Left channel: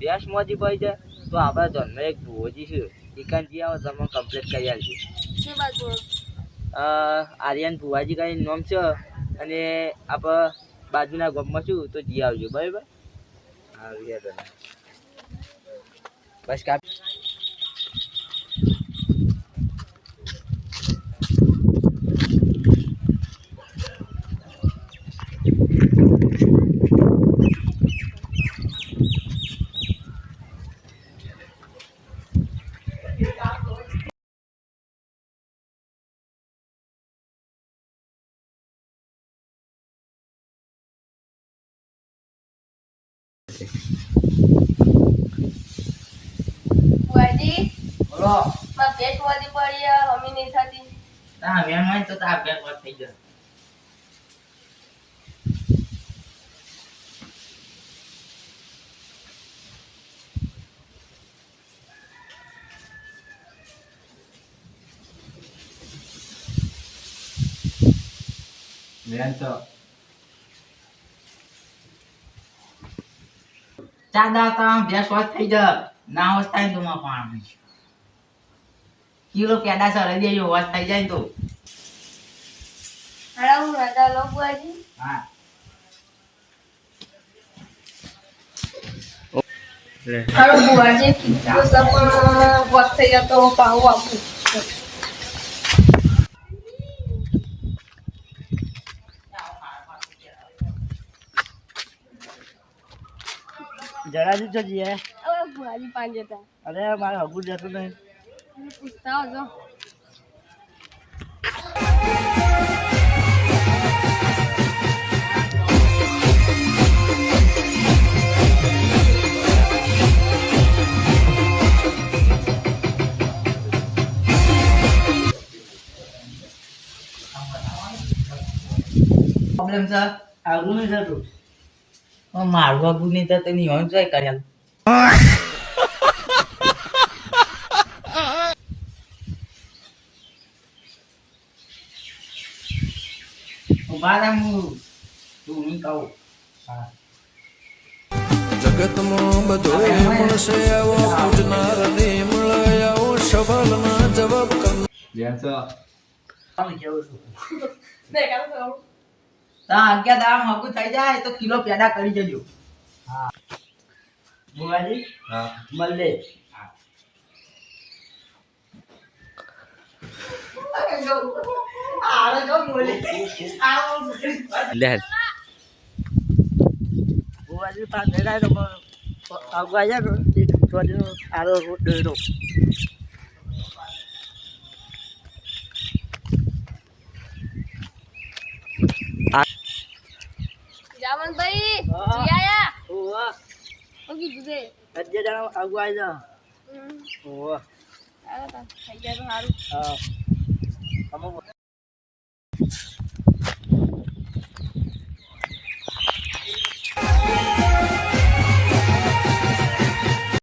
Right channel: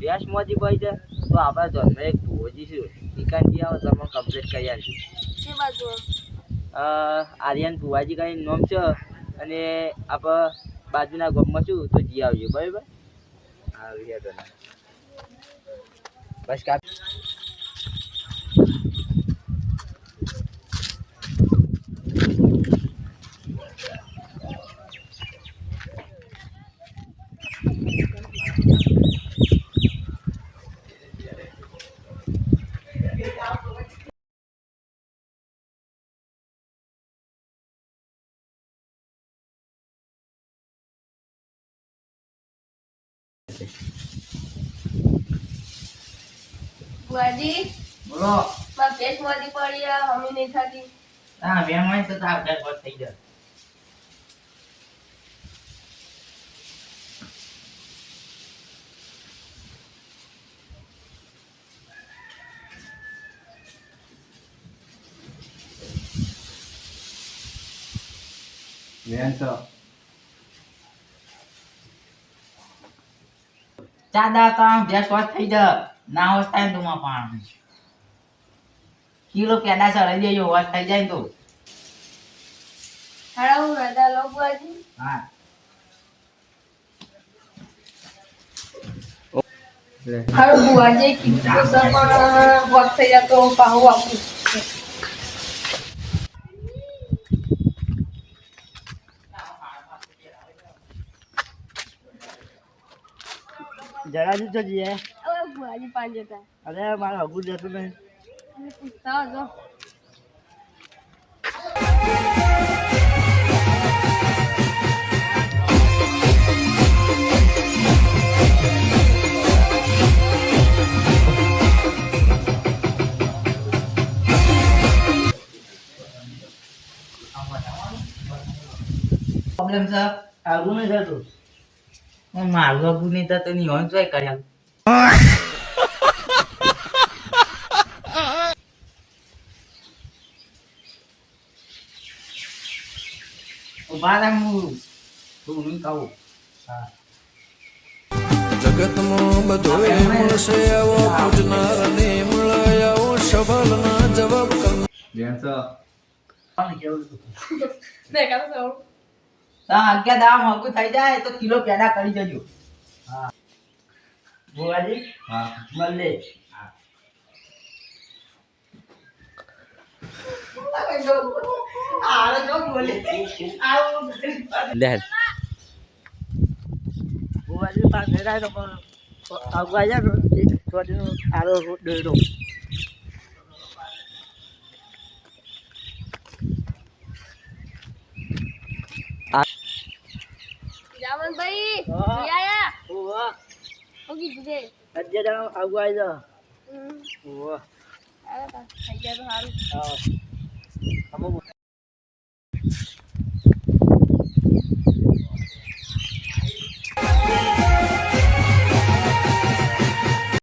ભેંસ મોજી પડી છે તો આપણા જન્મ એક ભુવોજી છે એકાંજી આવો તમે કમ્પ્લીટ કરી આપજો. શું બાજુ આર્યન ભુવાજી કઈ નામ છે અને આપણે બાજુના ગામમાં છું તો જી આવજો બરાબર. હા તને બસ કાપ બુઆજી બોલો. માં પેટ મોદી પડી હમી નહીં થતી. હા મહેમાન તો આ પેટ વાત થઈ જાય. ચાદા તો આમ ભેંસ વાત થઈ જાય ના હોશ થાય તો માં પાણી કિલો પેડા ચડાઈ દેજો વાત થઈ જાય તો. હાડા હું રદા લો બુઆજી. હા હાડો બુઆજી કીધું તો સબ વખત થઈ જતો પાહુ આપું. જરા તો જઈએ. હવે બુઆજી પાંચ જતા. અરે મારે હગું જતું નહીં. પૂછતા હો પ્રોબ્લેમ છે આગું નહીં થતું મારું આગું નહીં થતું નહીં હોય જોઈ કર્યા. જગતમાં બધોય મળશે આવો પૂજનાર ને મળે આવો સવાલના જવાબ કરનાર. અગિયાર દામ હગું થઈ જાય તો કિલો પેડા કરી જજો. હા ભુવાજી હા મળે. ભુવાજી પાસે જાય તો આગવા જાય થોડીનો સારો ડેરો. જામનભાઈ આયા ઓવા હું કીધું તે અજ્જે જાવ આગવા આવી જા. ઓવા આયા તા થઈ ગયા તો સારું. હા